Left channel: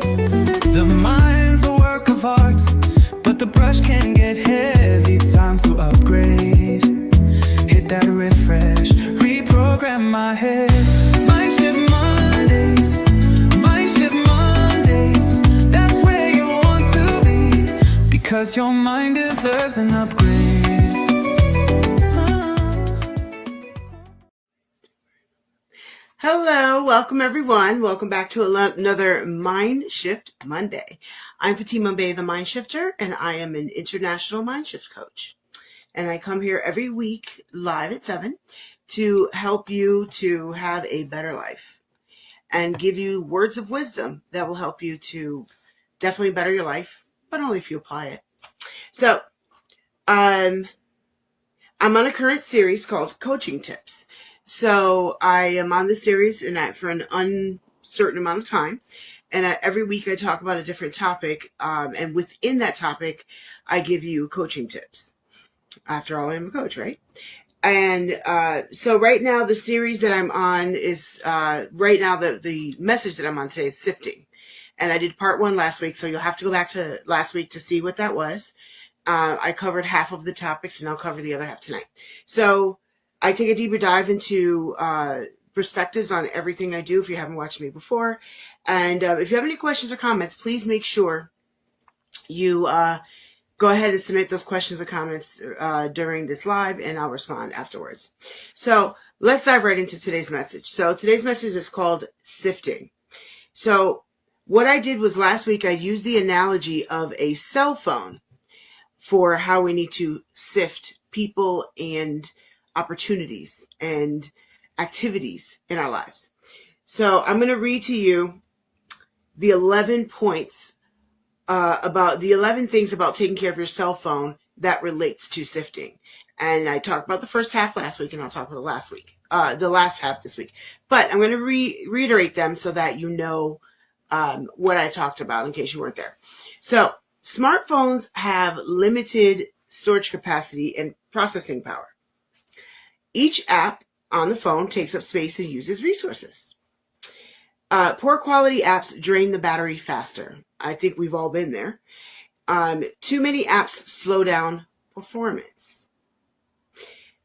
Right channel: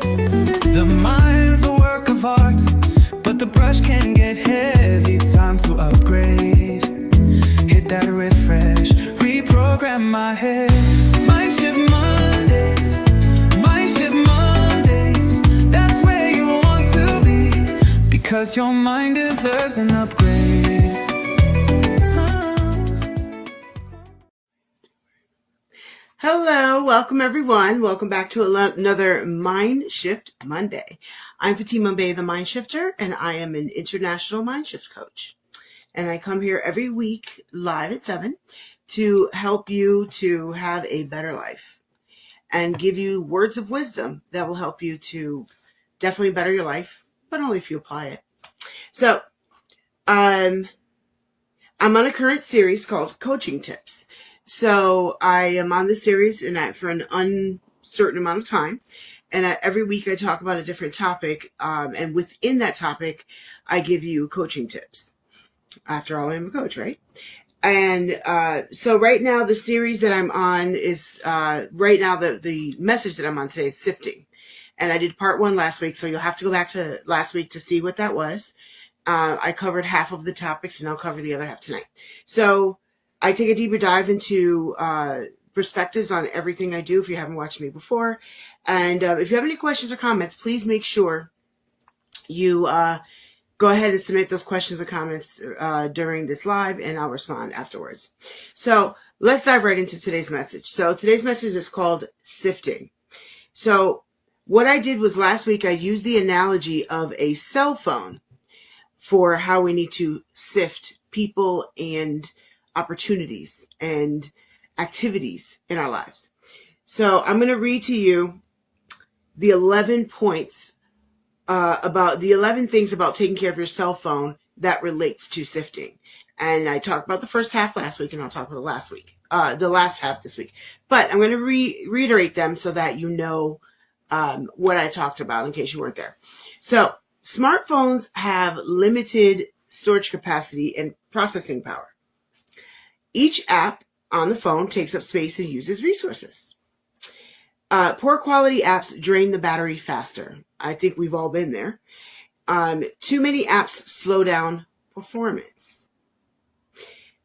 The mind's a work of art, but the brush can get heavy. Time to upgrade. Hit that refresh, reprogram my head. MindShift Mondays, MindShift Mondays. That's where you want to be, because your mind deserves an upgrade. Hello, welcome everyone. Welcome back to another MindShift Monday. I'm Fatima Bey, the MindShifter, and I am an international MindShift coach. And I come here every week live at 7 to help you to have a better life and give you words of wisdom that will help you to definitely better your life, but only if you apply it. So, I'm on a current series called Coaching Tips. So I am on this series for an uncertain amount of time. And every week I talk about a different topic. And within that topic, I give you coaching tips. After all, I'm a coach, right? And so right now, the series that I'm on is, the message that I'm on today is Sifting. And I did part 1 last week, so you'll have to go back to last week to see what that was. I covered half of the topics, and I'll cover the other half tonight. So I take a deeper dive into perspectives on everything I do if you haven't watched me before. And if you have any questions or comments, please make sure you go ahead and submit those questions or comments during this live, and I'll respond afterwards. So let's dive right into today's message. So today's message is called Sifting. So what I did was last week I used the analogy of a cell phone for how we need to sift people and opportunities and activities in our lives. So I'm going to read to you the 11 points about the 11 things about taking care of your cell phone that relates to sifting. And I talked about the first half last week, and I'll talk about the last half this week. But I'm going to reiterate them so that you know what I talked about in case you weren't there. So smartphones have limited storage capacity and processing power. Each app on the phone takes up space and uses resources. Poor quality apps drain the battery faster. I think we've all been there. Too many apps slow down performance.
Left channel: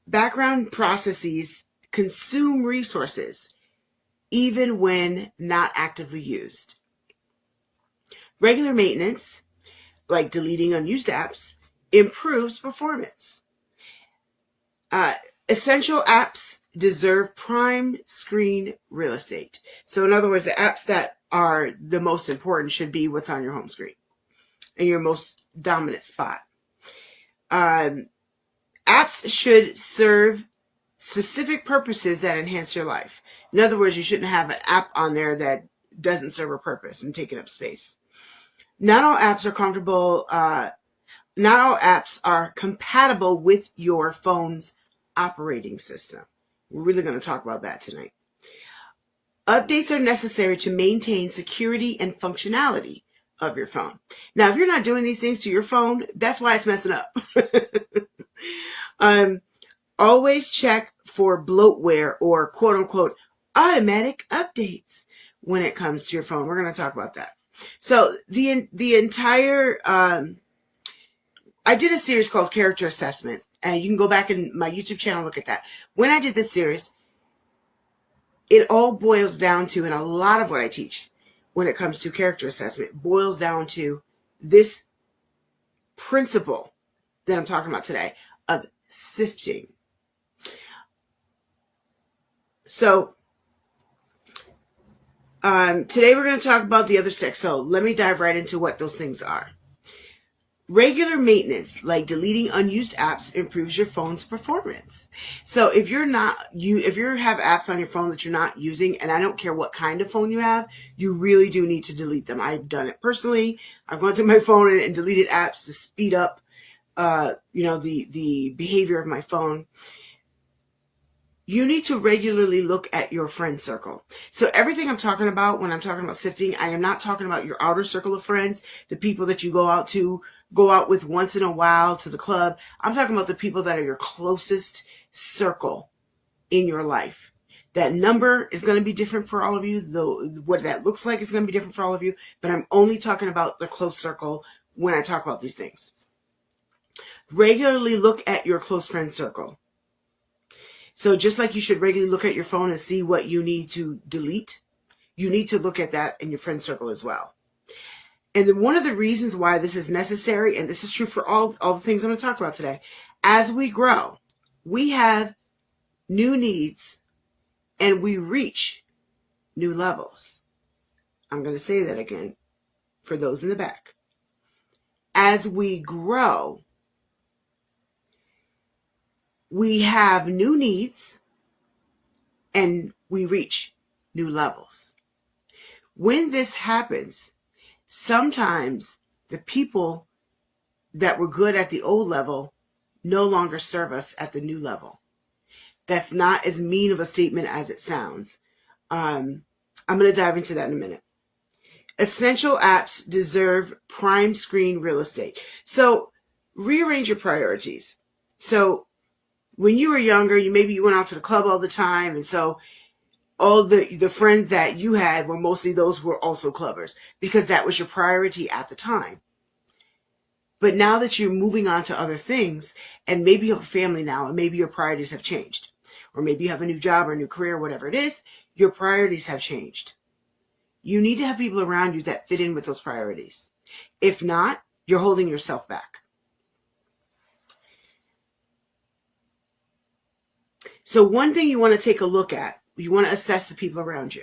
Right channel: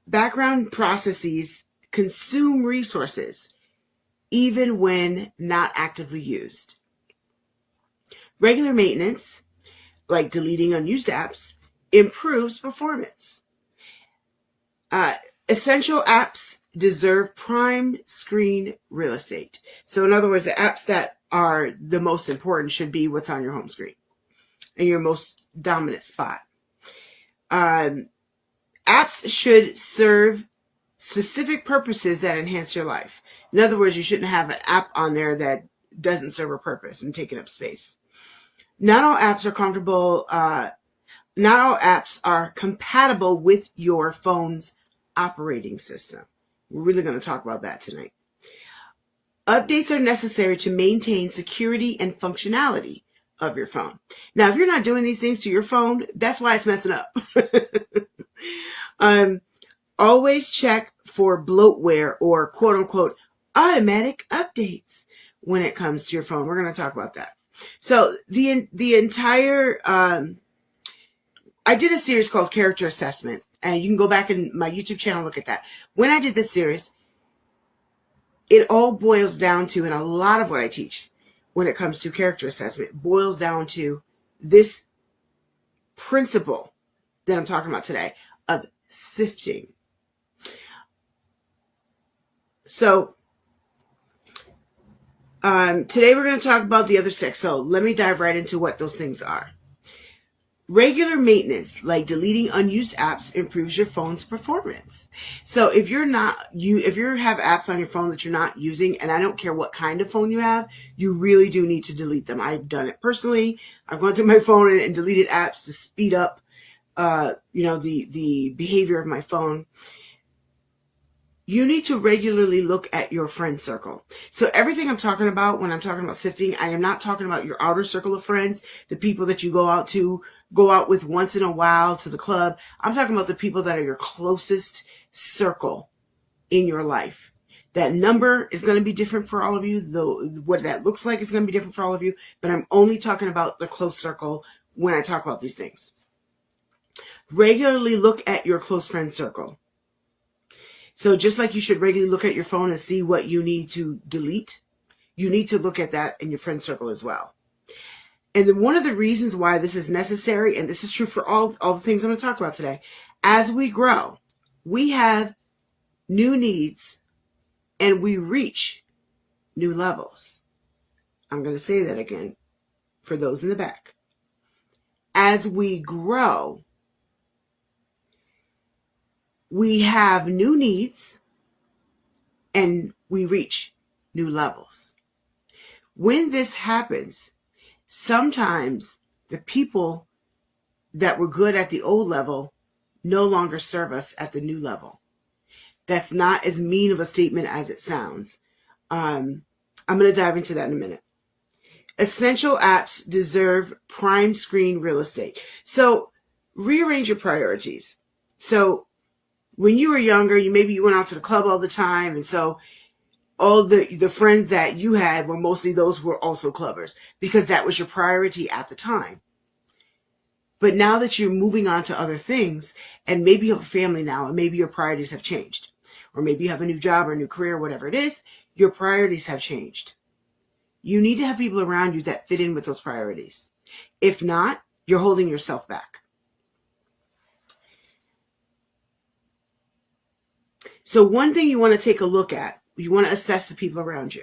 Background processes consume resources, even when not actively used. Regular maintenance, like deleting unused apps, improves performance. Essential apps deserve prime screen real estate. So in other words, the apps that are the most important should be what's on your home screen and your most dominant spot. Apps should serve specific purposes that enhance your life. In other words, you shouldn't have an app on there that doesn't serve a purpose and taking up space. Not all apps are compatible with your phone's operating system. We're really going to talk about that tonight. Updates are necessary to maintain security and functionality of your phone. Now, if you're not doing these things to your phone, that's why it's messing up. Always check for bloatware or quote unquote automatic updates when it comes to your phone. We're going to talk about that. So the entire, I did a series called Character Assessment. And you can go back in my YouTube channel and look at that. When I did this series, it all boils down to, and a lot of what I teach when it comes to character assessment boils down to this principle that I'm talking about today of sifting. So today we're going to talk about the other 6. So let me dive right into what those things are. Regular maintenance, like deleting unused apps, improves your phone's performance. So if you have apps on your phone that you're not using, and I don't care what kind of phone you have, you really do need to delete them. I've done it personally. I've gone to my phone and deleted apps to speed up, the behavior of my phone. You need to regularly look at your friend circle. So everything I'm talking about when I'm talking about sifting, I am not talking about your outer circle of friends, the people that you go out with once in a while to the club. I'm talking about the people that are your closest circle in your life. That number is going to be different for all of you, though what that looks like is going to be different for all of you, but I'm only talking about the close circle when I talk about these things. Regularly look at your close friend circle. So just like you should regularly look at your phone and see what you need to delete, you need to look at that in your friend circle as well. And then one of the reasons why this is necessary, and this is true for all the things I'm going to talk about today, as we grow, we have new needs and we reach new levels. I'm going to say that again for those in the back. As we grow, we have new needs and we reach new levels. When this happens, sometimes the people that were good at the old level no longer serve us at the new level. That's not as mean of a statement as it sounds. I'm going to dive into that in a minute. Essential apps deserve prime screen real estate. So rearrange your priorities. So when you were younger, maybe you went out to the club all the time, and so all the friends that you had were mostly those who were also clubbers because that was your priority at the time. But now that you're moving on to other things, and maybe you have a family now, and maybe your priorities have changed, or maybe you have a new job or a new career, whatever it is, your priorities have changed. You need to have people around you that fit in with those priorities. If not, you're holding yourself back. So one thing you want to take a look at, you want to assess the people around you.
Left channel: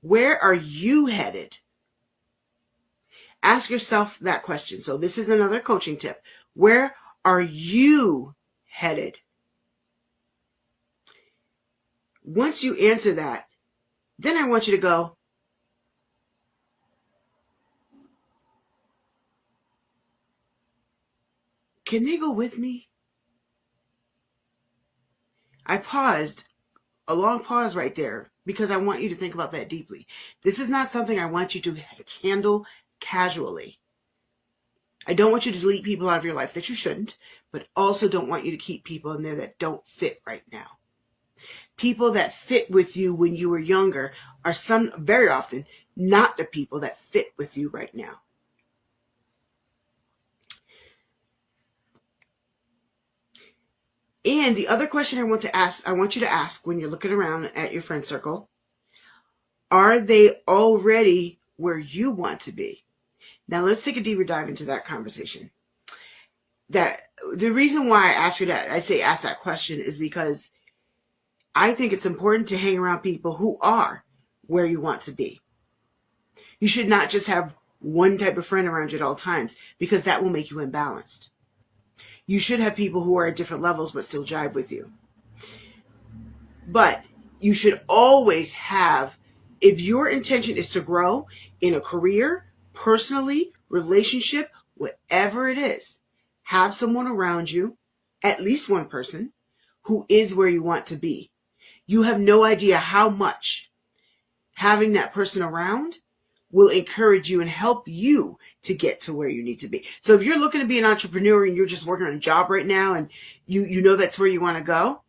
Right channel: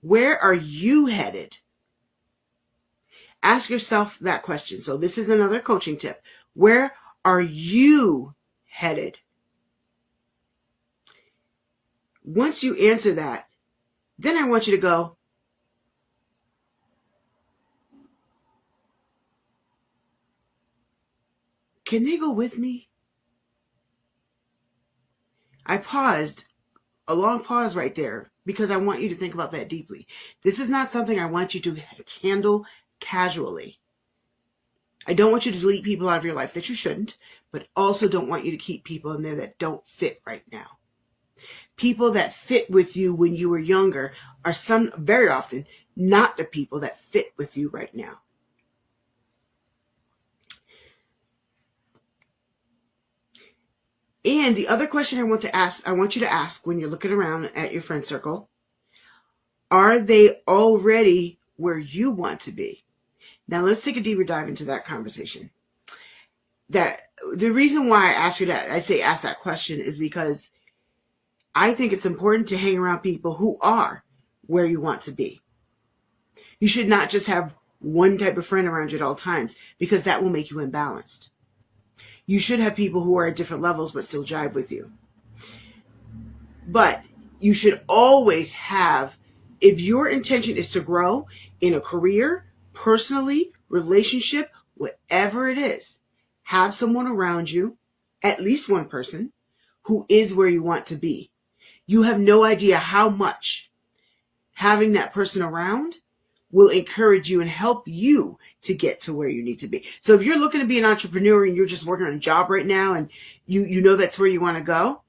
Where are you headed? Ask yourself that question. So this is another coaching tip. Where are you headed? Once you answer that, then I want you to go, can they go with me? I paused, a long pause right there, because I want you to think about that deeply. This is not something I want you to handle casually. I don't want you to delete people out of your life that you shouldn't, but also don't want you to keep people in there that don't fit right now. People that fit with you when you were younger are very often not the people that fit with you right now. And the other question I want you to ask when you're looking around at your friend circle, are they already where you want to be? Now let's take a deeper dive into that conversation. That the reason why I ask that question is because I think it's important to hang around people who are where you want to be. You should not just have one type of friend around you at all times, because that will make you imbalanced. You should have people who are at different levels but still jive with you. But you should always have, if your intention is to grow in a career, personally, relationship, whatever it is, have someone around you, at least one person, who is where you want to be. You have no idea how much having that person around will encourage you and help you to get to where you need to be. So if you're looking to be an entrepreneur and you're just working on a job right now and you know that's where you want to go,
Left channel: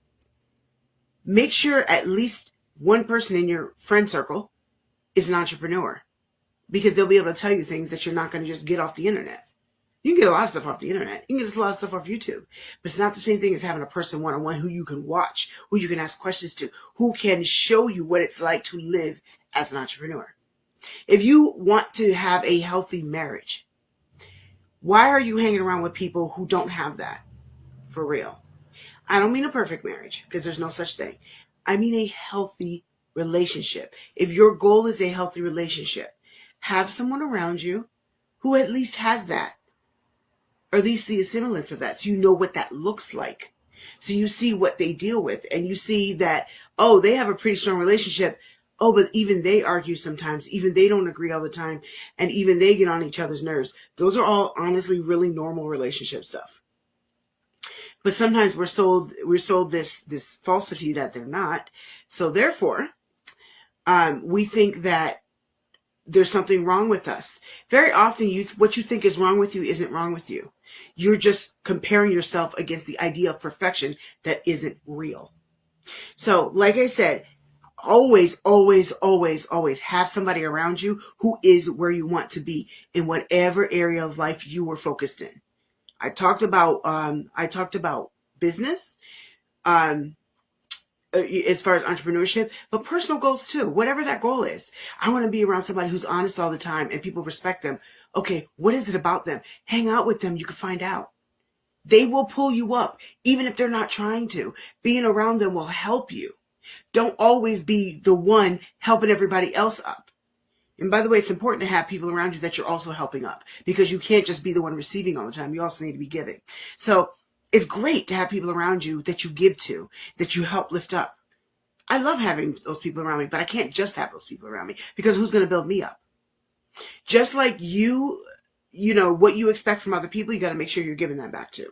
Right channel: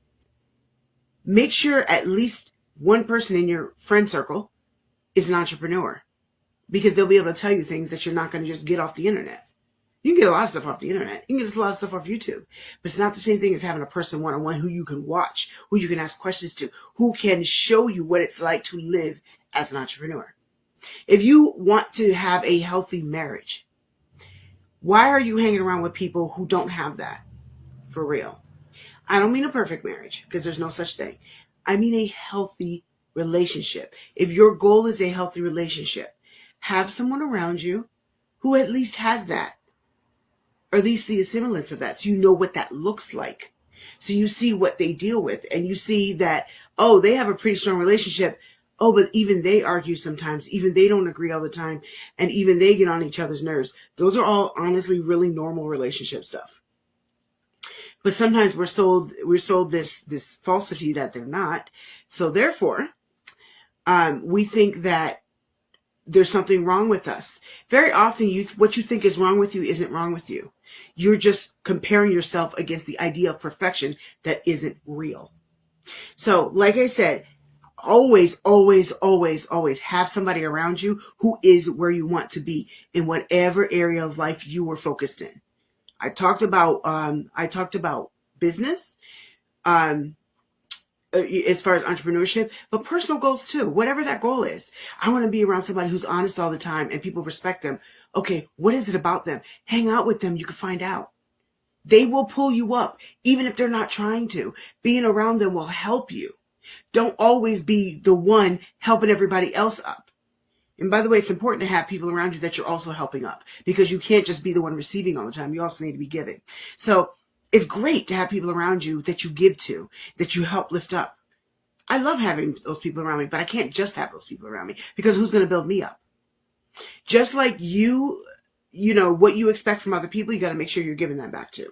make sure at least one person in your friend circle is an entrepreneur, because they'll be able to tell you things that you're not going to just get off the internet. You can get a lot of stuff off the internet. You can get a lot of stuff off YouTube. But it's not the same thing as having a person one-on-one who you can watch, who you can ask questions to, who can show you what it's like to live as an entrepreneur. If you want to have a healthy marriage, why are you hanging around with people who don't have that? For real. I don't mean a perfect marriage, because there's no such thing. I mean a healthy relationship. If your goal is a healthy relationship, have someone around you who at least has that, or at least the semblance of that, so you know what that looks like. So you see what they deal with, and you see that, oh, they have a pretty strong relationship. Oh, but even they argue sometimes. Even they don't agree all the time. And even they get on each other's nerves. Those are all honestly really normal relationship stuff. But sometimes we're sold this falsity that they're not. So therefore, we think that there's something wrong with us. Very often, what you think is wrong with you isn't wrong with you. You're just comparing yourself against the idea of perfection that isn't real. So, like I said, always, always, always, always have somebody around you who is where you want to be in whatever area of life you were focused in. I talked about business, as far as entrepreneurship, but personal goals too. Whatever that goal is, I want to be around somebody who's honest all the time and people respect them. Okay, what is it about them? Hang out with them. You can find out. They will pull you up, even if they're not trying to. Being around them will help you. Don't always be the one helping everybody else up. And by the way, it's important to have people around you that you're also helping up, because you can't just be the one receiving all the time. You also need to be giving. So it's great to have people around you that you give to, that you help lift up. I love having those people around me, but I can't just have those people around me, because who's going to build me up? Just like you know, what you expect from other people, you got to make sure you're giving that back too.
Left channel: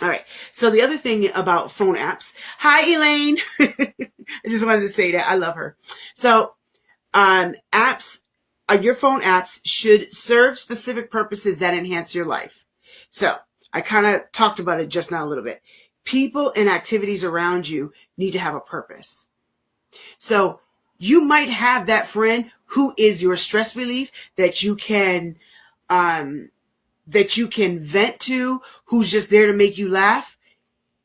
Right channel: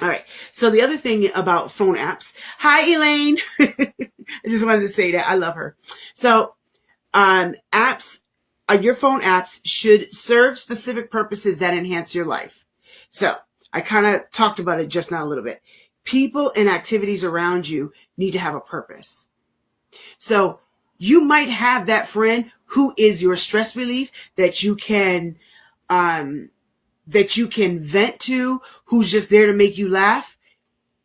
All right. So the other thing about phone apps. Hi, Elaine. I just wanted to say that. I love her. So your phone apps should serve specific purposes that enhance your life. So I kind of talked about it just now a little bit. People and activities around you need to have a purpose. So you might have that friend who is your stress relief that you can vent to, who's just there to make you laugh.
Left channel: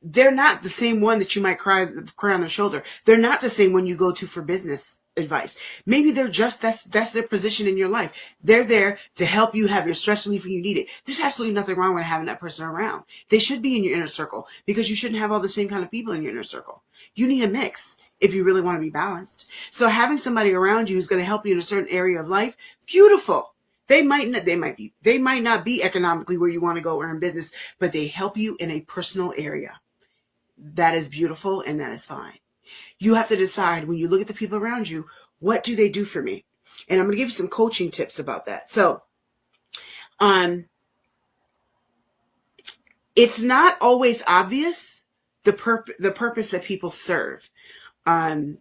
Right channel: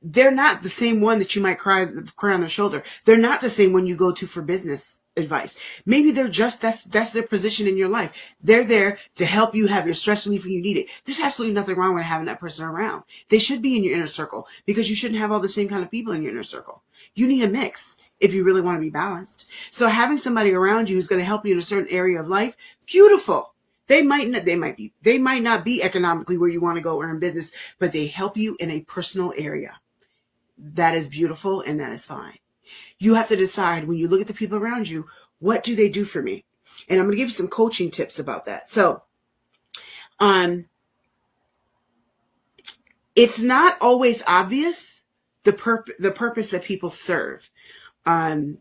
They're not the same one that you might cry on their shoulder. They're not the same one you go to for business advice. Maybe they're just, that's their position in your life. They're there to help you have your stress relief when you need it. There's absolutely nothing wrong with having that person around. They should be in your inner circle, because you shouldn't have all the same kind of people in your inner circle. You need a mix if you really want to be balanced. So having somebody around you who's going to help you in a certain area of life, beautiful. They might not be economically where you want to go or in business, but they help you in a personal area. That is beautiful, and that is fine. You have to decide, when you look at the people around you, what do they do for me? And I'm going to give you some coaching tips about that. So, it's not always obvious the purpose that people serve in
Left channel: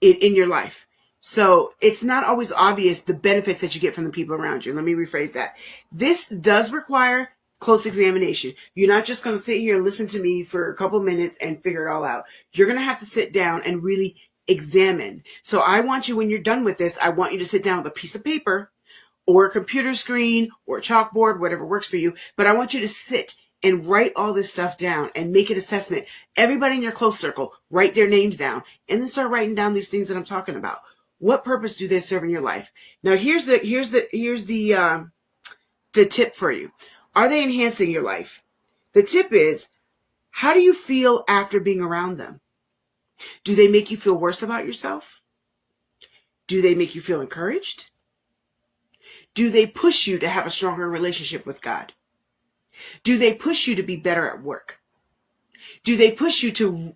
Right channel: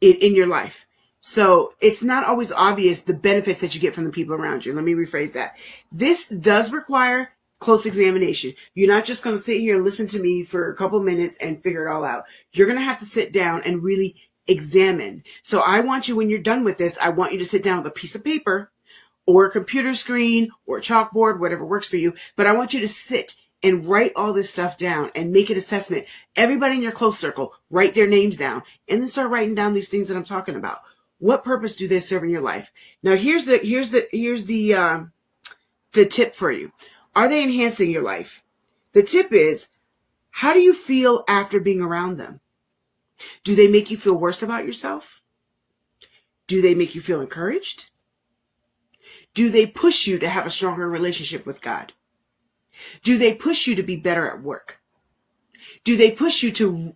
your life. So it's not always obvious the benefits that you get from the people around you. Let me rephrase that. This does require close examination. You're not just going to sit here and listen to me for a couple minutes and figure it all out. You're going to have to sit down and really examine. So I want you, when you're done with this, I want you to sit down with a piece of paper or a computer screen or a chalkboard, whatever works for you. But I want you to sit and write all this stuff down and make an assessment. Everybody in your close circle, write their names down, and then start writing down these things that I'm talking about. What purpose do they serve in your life? Now, here's the tip for you. Are they enhancing your life? The tip is, how do you feel after being around them? Do they make you feel worse about yourself? Do they make you feel encouraged? Do they push you to have a stronger relationship with God? Do they push you to be better at work? Do they push you to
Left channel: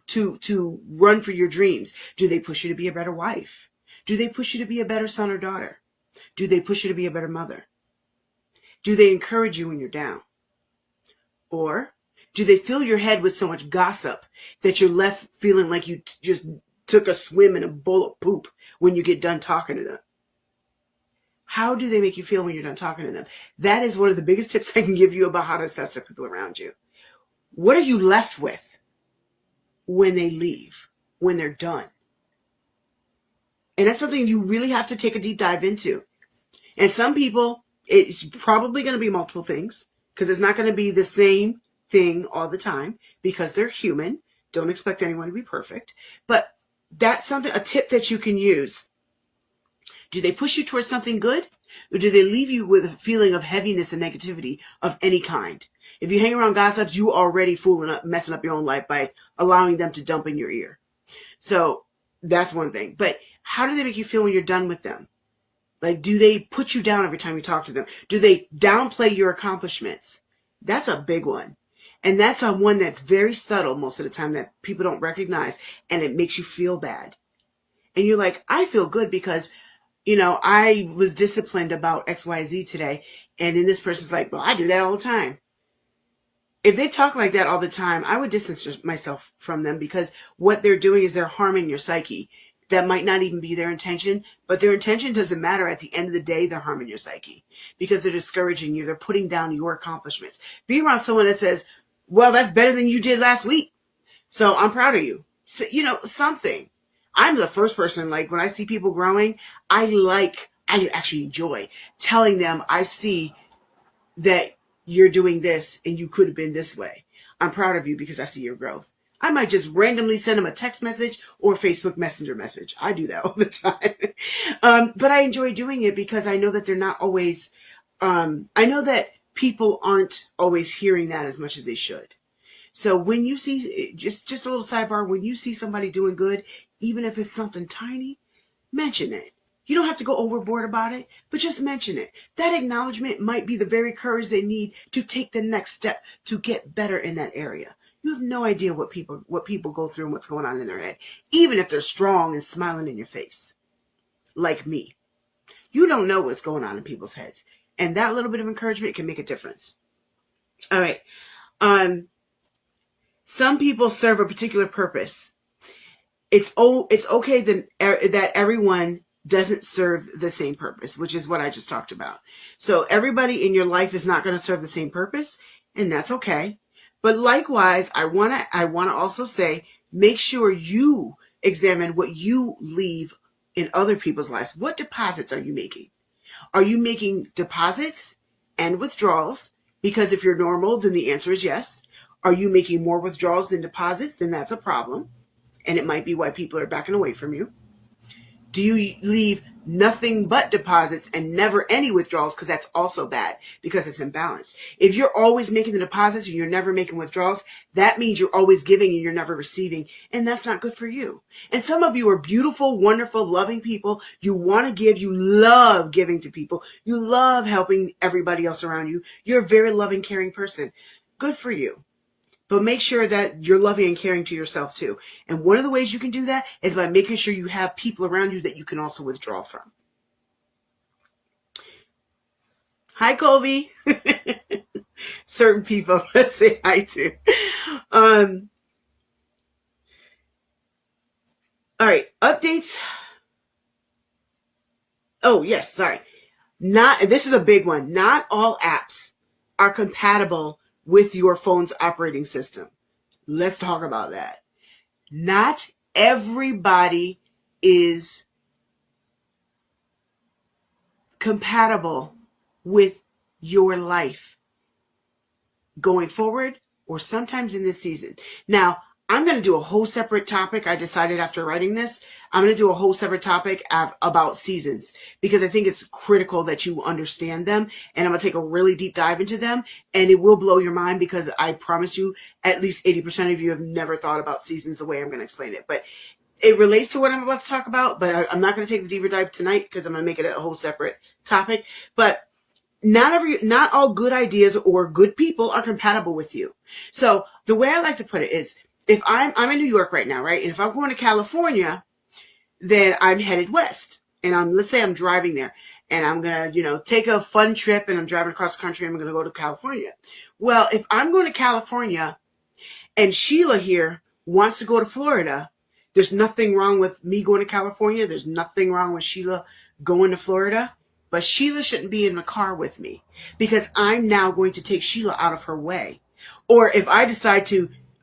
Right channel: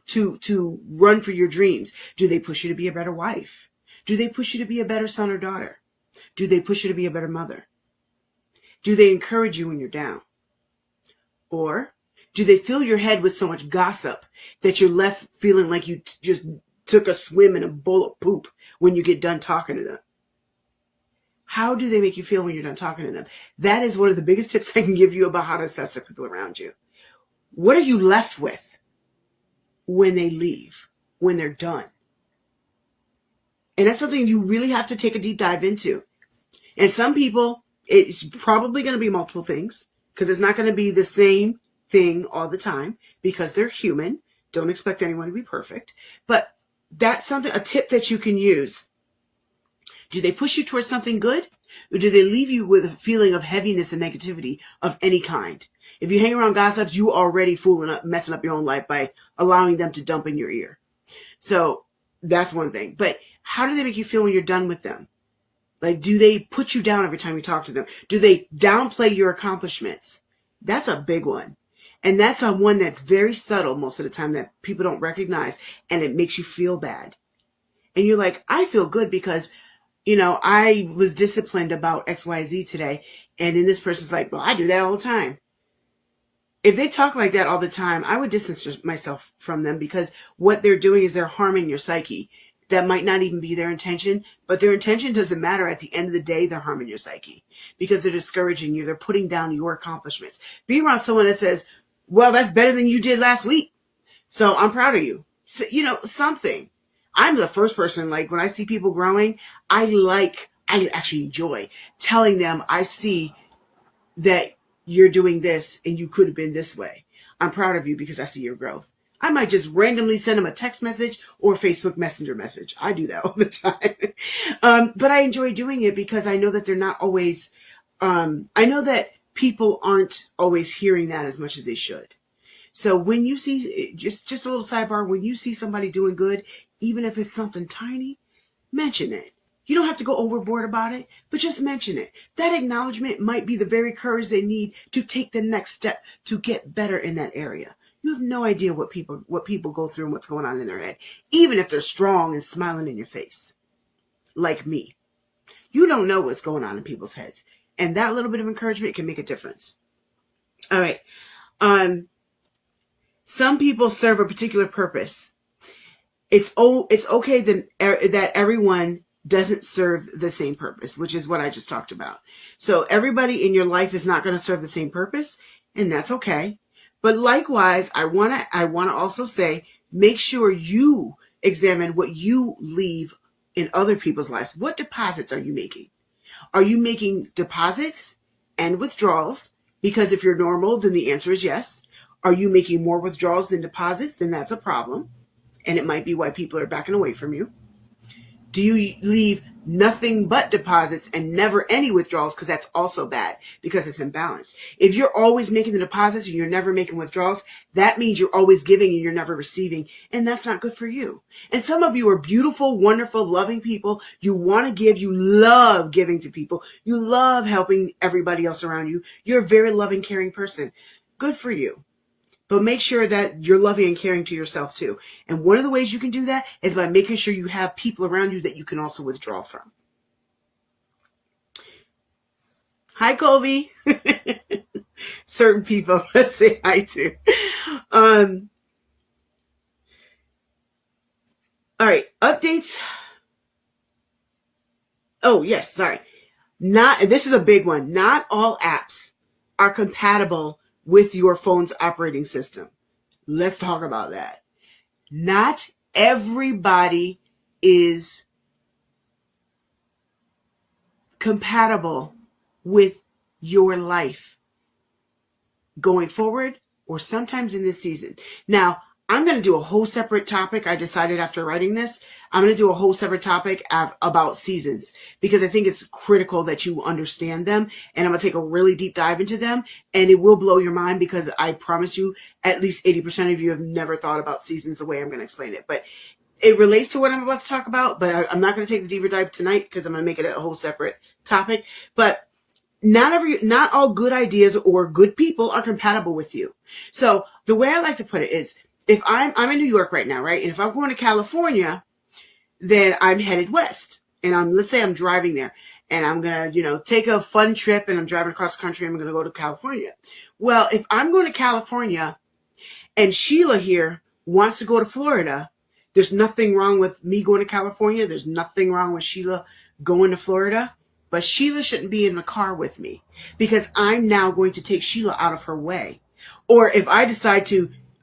run for your dreams? Do they push you to be a better wife? Do they push you to be a better son or daughter? Do they push you to be a better mother? Do they encourage you when you're down? Or do they fill your head with so much gossip that you're left feeling like you just took a swim in a bowl of poop when you get done talking to them? How do they make you feel when you're done talking to them? That is one of the biggest tips I can give you about how to assess the people around you. What are you left with when they leave, when they're done? And that's something you really have to take a deep dive into. And some people, it's probably going to be multiple things, because it's not going to be the same thing all the time, because they're human. Don't expect anyone to be perfect. But that's a tip that you can use. Do they push you towards something good? Or do they leave you with a feeling of heaviness and negativity of any kind? If you hang around gossips, you already messing up your own life by allowing them to dump in your ear. So that's one thing. But how do they make you feel when you're done with them? Like, do they put you down every time you talk to them? Do they downplay your accomplishments? That's a big one. And that's one that's very subtle most of the time that people don't recognize, and it makes you feel bad. And you're like, I feel good because, I was disciplined about XYZ today. And then this person's like, well, I do that all the time. If they talk like that all the time, I would distance myself from them, because what they're doing is they're harming your psyche. That might not even be their intention, but their intention doesn't matter. At the end of the day, they're harming your psyche because they're discouraging you. They're putting down your accomplishments. Be around someone that says, well, that's better than you did last week. So I'm proud of you. So, something. I'm the first person, like, when I see people growing, I actually enjoy telling them I see that you're doing this and you could have been this way. I'm proud of you because I see your growth. I might just randomly send them a text message or a Facebook Messenger message. I do that all the time. But I enjoy doing it because I know that they're not always, I know that people aren't always hearing that as much as they should. So when you see, just a little sidebar, when you see somebody doing good, even if it's something tiny, mention it. You don't have to go overboard about it, but just mention it. That acknowledgement might be the very courage they need to take the next step to get better in that area. You have no idea what people go through and what's going on in their head, even if they're strong and smiling in your face, like me. You don't know what's going on in people's heads, and that little bit of encouragement can make a difference. All right. Some people serve a particular purpose. It's okay that everyone doesn't serve the same purpose, which is what I just talked about. So everybody in your life is not going to serve the same purpose, and that's okay. But likewise, I want to also say, make sure you examine what you leave in other people's lives. What deposits are you making? Are you making deposits and withdrawals? Because if you're normal, then the answer is yes. Are you making more withdrawals than deposits? Then that's a problem. And it might be why people are backing away from you. Do you leave nothing but deposits and never any withdrawals? Because that's also bad because it's imbalanced. If you're always making the deposits and you're never making withdrawals, that means you're always giving and you're never receiving. And that's not good for you. And some of you are beautiful, wonderful, loving people. You want to give. You love giving to people. You love helping everybody else around you. You're a very loving, caring person. Good for you. But make sure that you're loving and caring to yourself too. And one of the ways you can do that is by making sure you have people around you that you can also withdraw from. Hi, Colby. Certain people, let's say hi to. All right, updates. Oh, yes, sorry. This is a big one. Not all apps are compatible with your phone's operating system. Let's talk about that. Not everybody is compatible with your life going forward or sometimes in this season. Now, I'm going to do a whole separate topic. I decided after writing this, I'm going to do a whole separate topic about seasons because I think it's critical that you understand them. And I'm going to take a really deep dive into them and it will blow your mind because I promise you at least 80% of you have never thought about seasons the way I'm going to explain it. But it relates to what I'm about to talk about, but I'm not going to take the deeper dive tonight because I'm going to make it a whole separate topic. But not all good ideas or good people are compatible with you. So the way I like to put it is, if I'm in New York right now, right? And if I'm going to California, then I'm headed west. And let's say I'm driving there and I'm going to, take a fun trip and I'm driving across the country and I'm going to go to California. Well, if I'm going to California and Sheila here wants to go to Florida, there's nothing wrong with me going to California. There's nothing wrong with Sheila going to Florida. But Sheila shouldn't be in the car with me because I'm now going to take Sheila out of her way. Or if I decide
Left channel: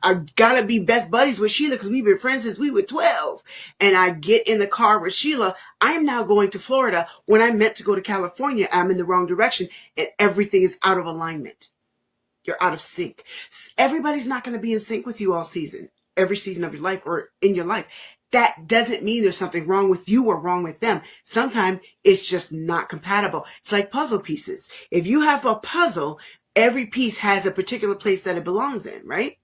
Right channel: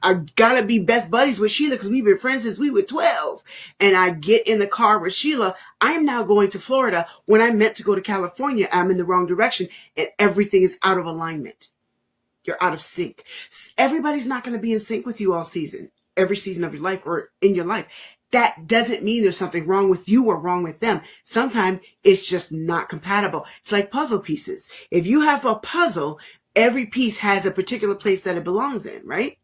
I gotta be best buddies with Sheila because we've been friends since we were 12. And I get in the car with Sheila. I'm now going to Florida when I meant to go to California. I'm in the wrong direction and everything is out of alignment. You're out of sync. Everybody's not going to be in sync with you all season, every season of your life or in your life. That doesn't mean there's something wrong with you or wrong with them. Sometimes it's just not compatible. It's like puzzle pieces. If you have a puzzle, every piece has a particular place that it belongs in, right?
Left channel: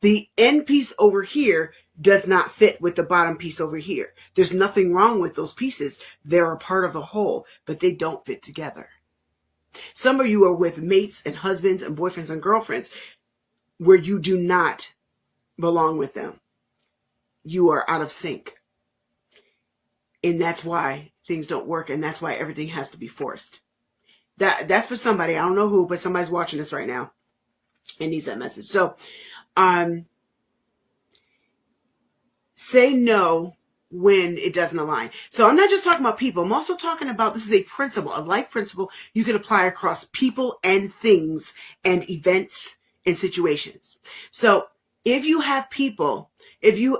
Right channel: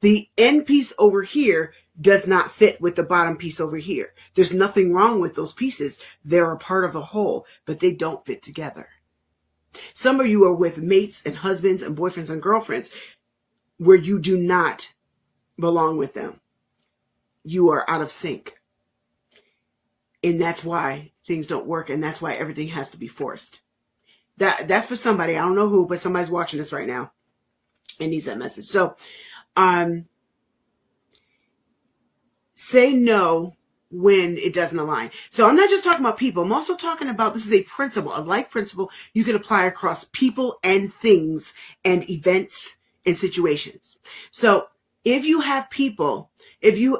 The end piece over here does not fit with the bottom piece over here. There's nothing wrong with those pieces. They're a part of the whole, but they don't fit together. Some of you are with mates and husbands and boyfriends and girlfriends where you do not belong with them. You are out of sync. And that's why things don't work. And that's why everything has to be forced. That's for somebody. I don't know who, but somebody's watching this right now and needs that message. So, say no when it doesn't align. So I'm not just talking about people. I'm also talking about, this is a principle, a life principle you can apply across people and things and events and situations. So If you have people,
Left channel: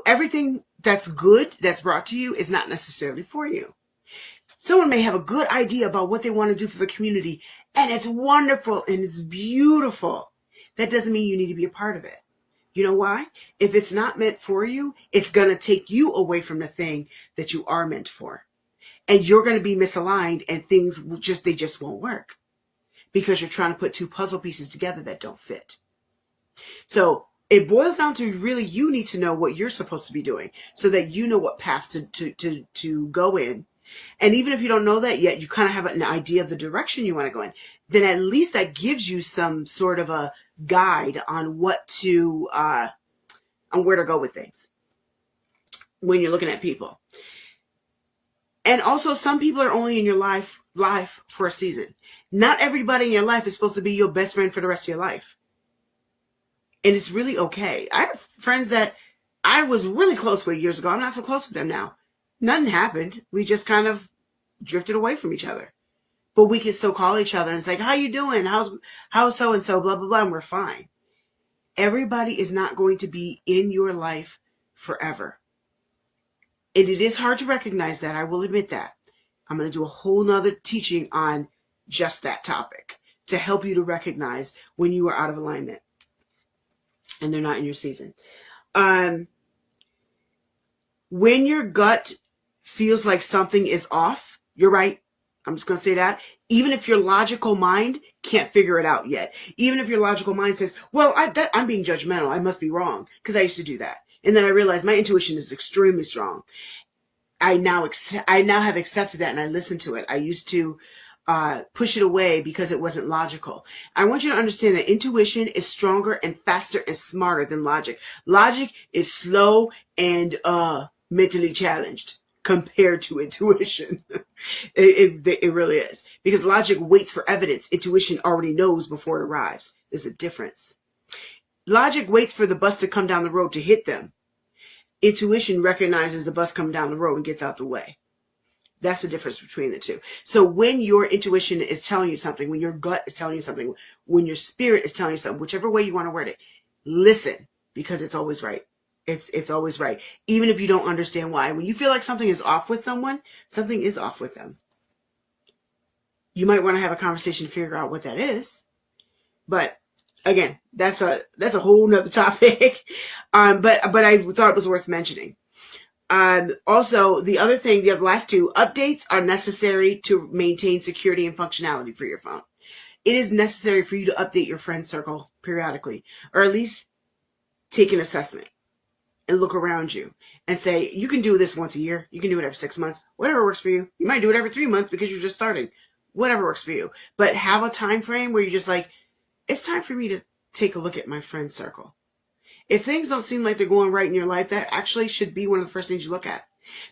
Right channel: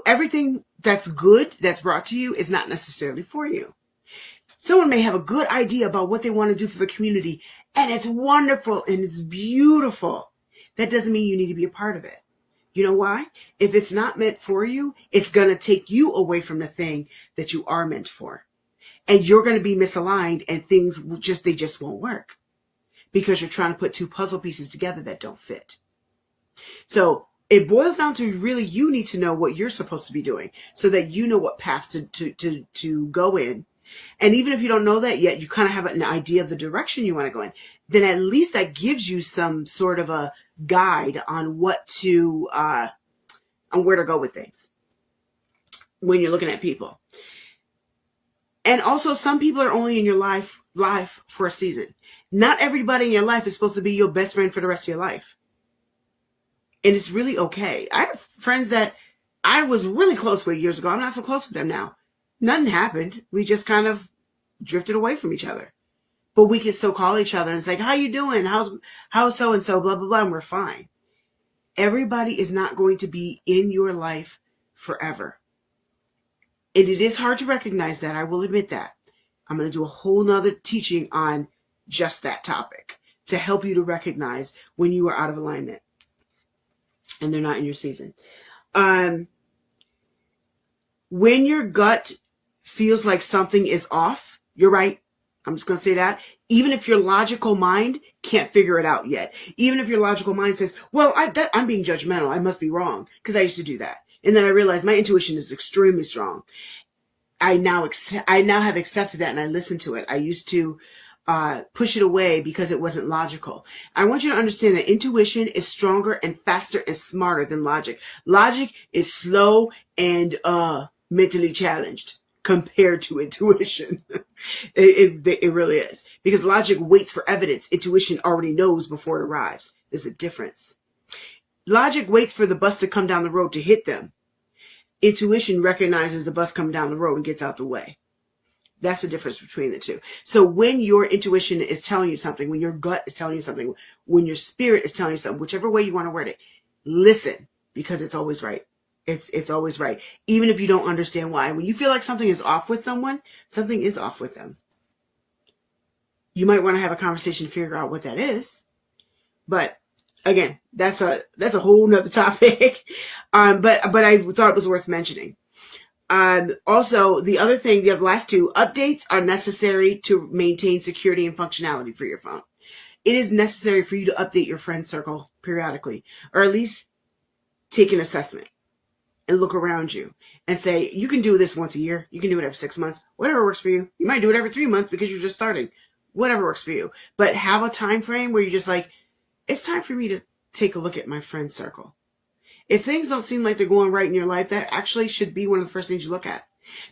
everything that's good that's brought to you is not necessarily for you. Someone may have a good idea about what they want to do for the community, and it's wonderful and it's beautiful. That doesn't mean you need to be a part of it. You know why? If it's not meant for you, it's going to take you away from the thing that you are meant for. And you're going to be misaligned, and things they just won't work because you're trying to put two puzzle pieces together that don't fit. So it boils down to really you need to know what you're supposed to be doing so that you know what path to go in. And even if you don't know that yet, you kind of have an idea of the direction you want to go in. Then at least that gives you some sort of a guide on what to, on where to go with things when you're looking at people. And also, some people are only in your life for a season. Not everybody in your life is supposed to be your best friend for the rest of your life. And it's really okay. I have friends that I was really close with years ago. I'm not so close with them now. Nothing happened. We just kind of drifted away from each other. But we can still call each other and say, how you doing? How's so-and-so, blah, blah, blah, and we're fine. Everybody is not going to be in your life forever. And it is hard to recognize that. I will admit that. I'm going to do a whole nother teaching on just that topic to help you to recognize when you are out of alignment and they're not in your season. When your gut feels like something is off, you're right. I'm just going to say that. Even if your logical mind can't figure it out yet. Even if your logical mind says, well, I'm being judgmental. I must be wrong. Because I used to do that. And then I realized my intuition is extremely strong. I now have accepted that and I listen to it. I used to push it away because it wasn't logical. I want you to understand that intuition is stronger and faster and smarter than logic. Logic is slow and mentally challenged compared to intuition. It really is. Because logic waits for evidence. Intuition already knows before it arrives. There's a difference. Logic waits for the bus to come down the road to hit them. Intuition recognizes the bus coming down the road and gets out the way. That's the difference between the two. So when your intuition is telling you something, when your gut is telling you something, when your spirit is telling you something, whichever way you want to word it, listen, because it's always right. It's always right. Even if you don't understand why. When you feel like something is off with someone, something is off with them. You might want to have a conversation to figure out what that is. But again, that's a whole nother topic. But I thought it was worth mentioning. Also, the other thing, the last two, updates are necessary to maintain security and functionality for your phone. It is necessary for you to update your friend circle periodically, or at least take an assessment and look around you and say, you can do this once a year. You can do it every 6 months, whatever works for you. You might do it every 3 months because you're just starting, whatever works for you. But have a time frame where you're just like, it's time for me to take a look at my friend circle. If things don't seem like they're going right in your life, that actually should be one of the first things you look at.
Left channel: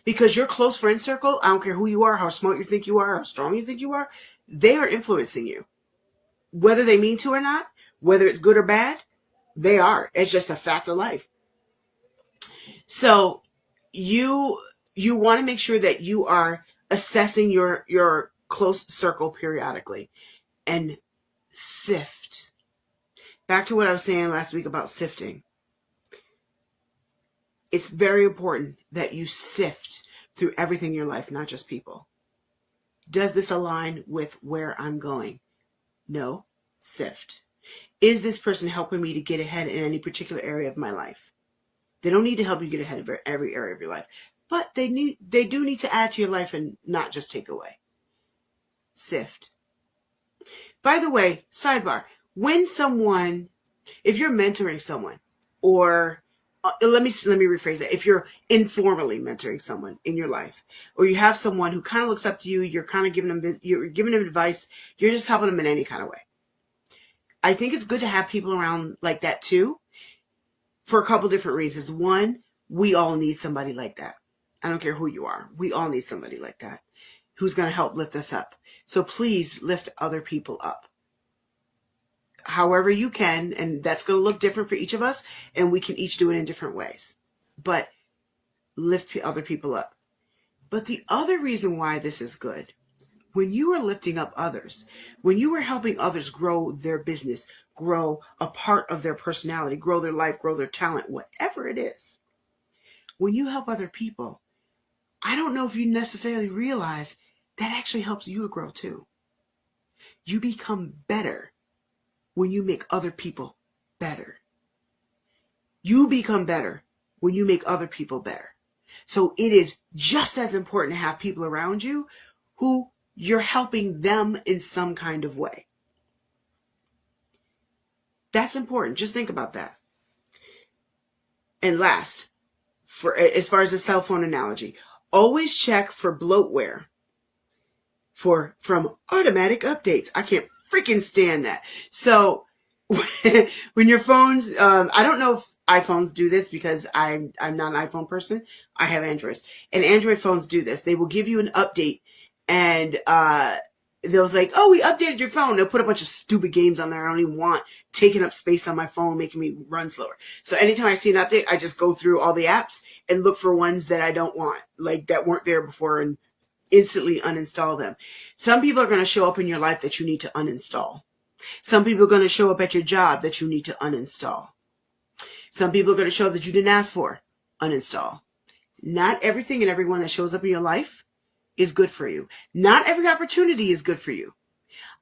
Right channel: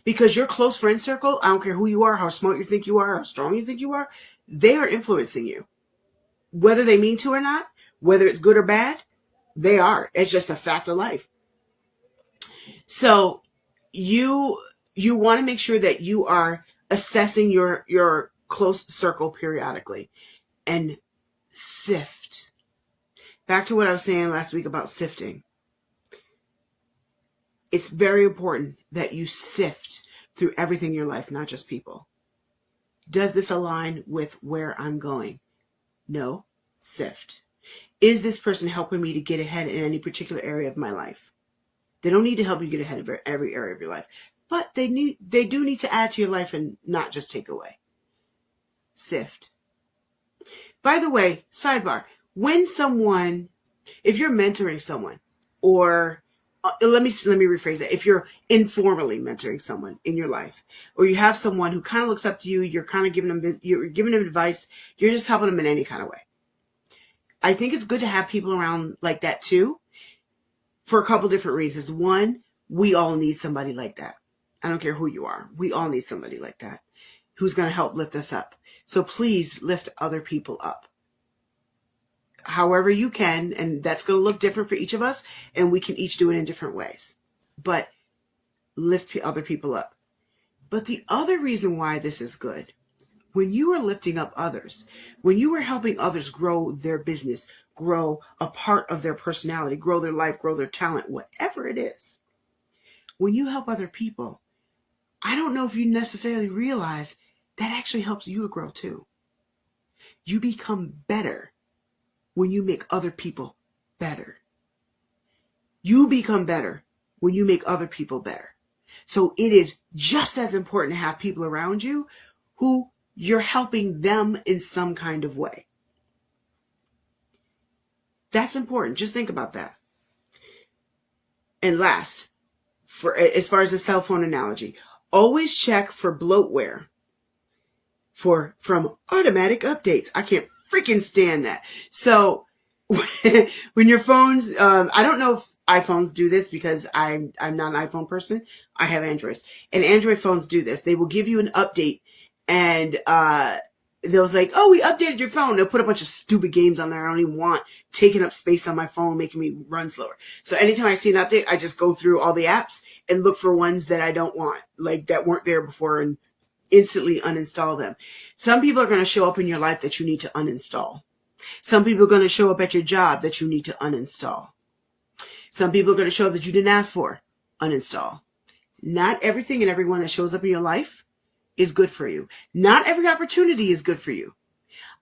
Because your close friend circle, I don't care who you are, how smart you think you are, how strong you think you are, they are influencing you. Whether they mean to or not, whether it's good or bad, they are. It's just a fact of life. So you want to make sure that you are assessing your close circle periodically and sift. Back to what I was saying last week about sifting. It's very important that you sift through everything in your life, not just people. Does this align with where I'm going? No. Sift. Is this person helping me to get ahead in any particular area of my life? They don't need to help you get ahead of every area of your life, but they do need to add to your life and not just take away. Sift. By the way, sidebar, if you're mentoring someone, or let me rephrase that. If you're informally mentoring someone in your life, or you have someone who kind of looks up to you, you're kind of giving them advice, you're just helping them in any kind of way. I think it's good to have people around like that too, for a couple different reasons. One, we all need somebody like that. I don't care who you are. We all need somebody like that who's going to help lift us up. So please lift other people up however you can, and that's going to look different for each of us, and we can each do it in different ways. But lift other people up. But the other reason why this is good, when you are lifting up others, when you are helping others grow their business, grow a part of their personality, grow their life, grow their talent, whatever it is, when you help other people, I don't know if you necessarily realize that actually helps you to grow too. You become better when you make other people better. You become better when you make other people better. So it is just as important to have people around you who you're helping them in some kind of way. That's important. Just think about that. And last, as far as the cell phone analogy, always check for bloatware from automatic updates. I can't freaking stand that. So when your phones, I don't know if iPhones do this because I'm not an iPhone person. I have Androids, and Android phones do this. They will give you an update, and they'll like, oh, we updated your phone. They'll put a bunch of stupid games on there I don't even want, taking up space on my phone, making me run slower. So anytime I see an update, I just go through all the apps and look for ones that I don't want, like that weren't there before, and instantly uninstall them. Some people are going to show up in your life that you need to uninstall. Some people are going to show up at your job that you need to uninstall. Some people are going to show up that you didn't ask for. Uninstall. Not everything and everyone that shows up in your life is good for you. Not every opportunity is good for you.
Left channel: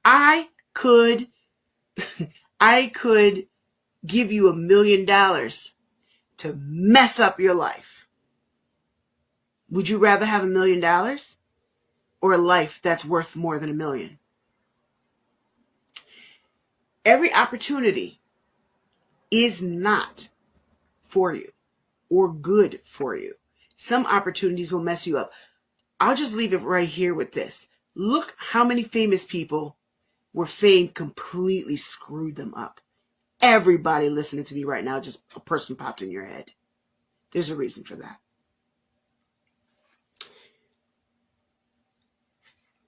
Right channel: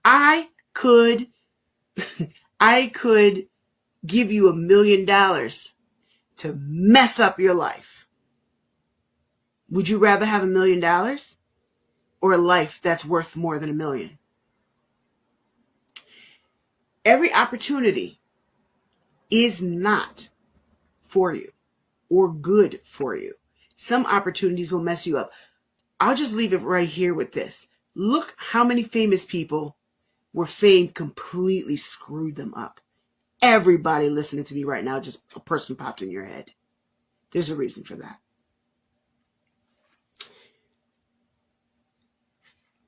I could give you $1 million to mess up your life. Would you rather have $1 million or a life that's worth more than $1 million? Every opportunity is not for you or good for you. Some opportunities will mess you up. I'll just leave it right here with this. Look how many famous people where fame completely screwed them up. Everybody listening to me right now, just a person popped in your head. There's a reason for that.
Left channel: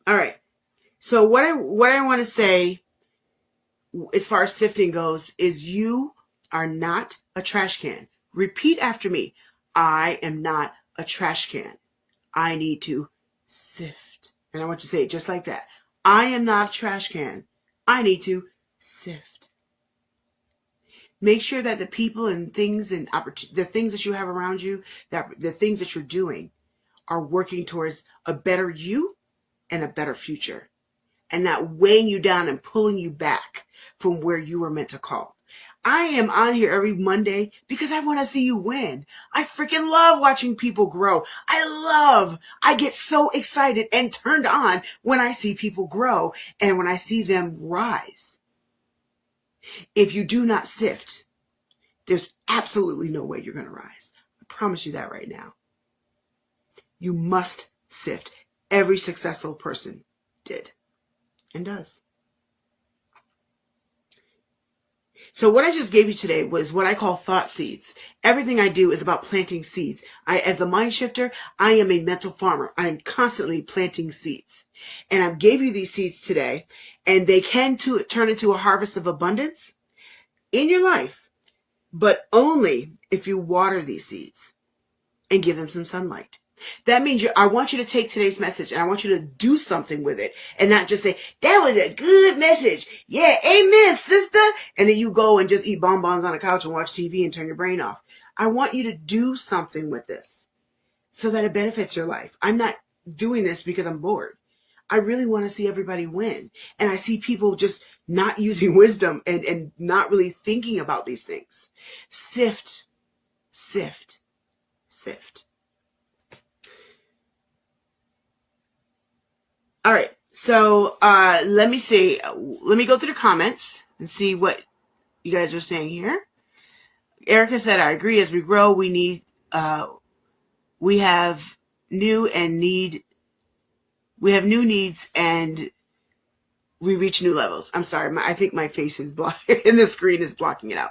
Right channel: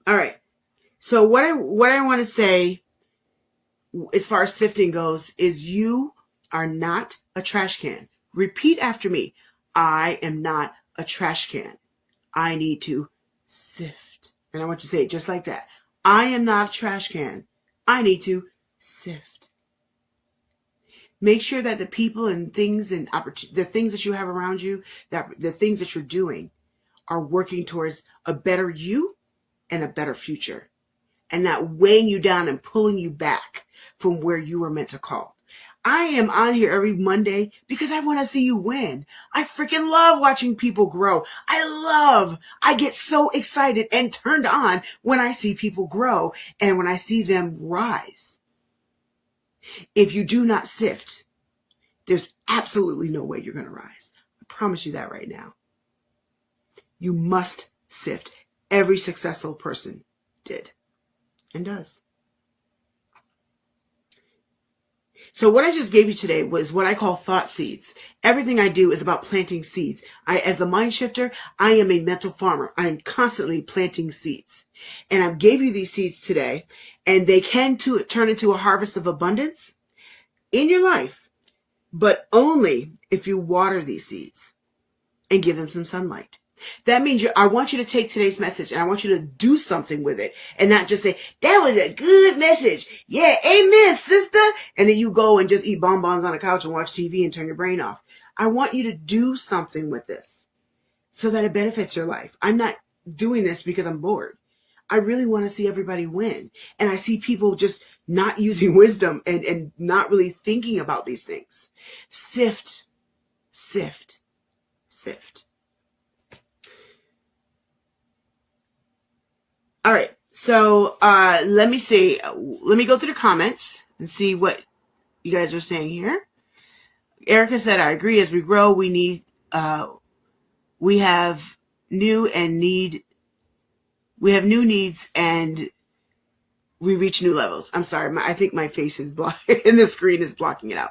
All right. So what I want to say as far as sifting goes is you are not a trash can. Repeat after me. I am not a trash can. I need to sift. And I want you to say it just like that. I am not a trash can. I need to sift. Make sure that the people and things and the things that you have around you, that the things that you're doing are working towards a better you and a better future. And not weighing you down and pulling you back from where you were meant to call. I am on here every Monday because I want to see you win. I freaking love watching people grow. I get so excited and turned on when I see people grow and when I see them rise. If you do not sift, there's absolutely no way you're going to rise. I promise you that right now. You must sift. Every successful person did and does. So what I just gave you today was what I call thought seeds. Everything I do is about planting seeds. As the MindShifter, I am a mental farmer. I am constantly planting seeds. And I gave you these seeds today, and they can turn into a harvest of abundance in your life, but only if you water these seeds and give them some sunlight. That means I want you to take today's message and I want you to do something with it and not just say, that was a good message. Yeah, amen, sister. And then you go and just eat bonbons on the couch and watch TV and turn your brain off. I want you to do something with this so that it benefits your life. I'm not doing this because I'm bored. I really want to see everybody win. And I see people just not using wisdom and not really thinking about these things. Sift, sift, sift. All right, so let me go through the comments and see what you guys are saying here. Erica said, I agree. As we grow, we have new needs and we reach new levels. I'm sorry, I think my face is blocking and the screen is blocking it out.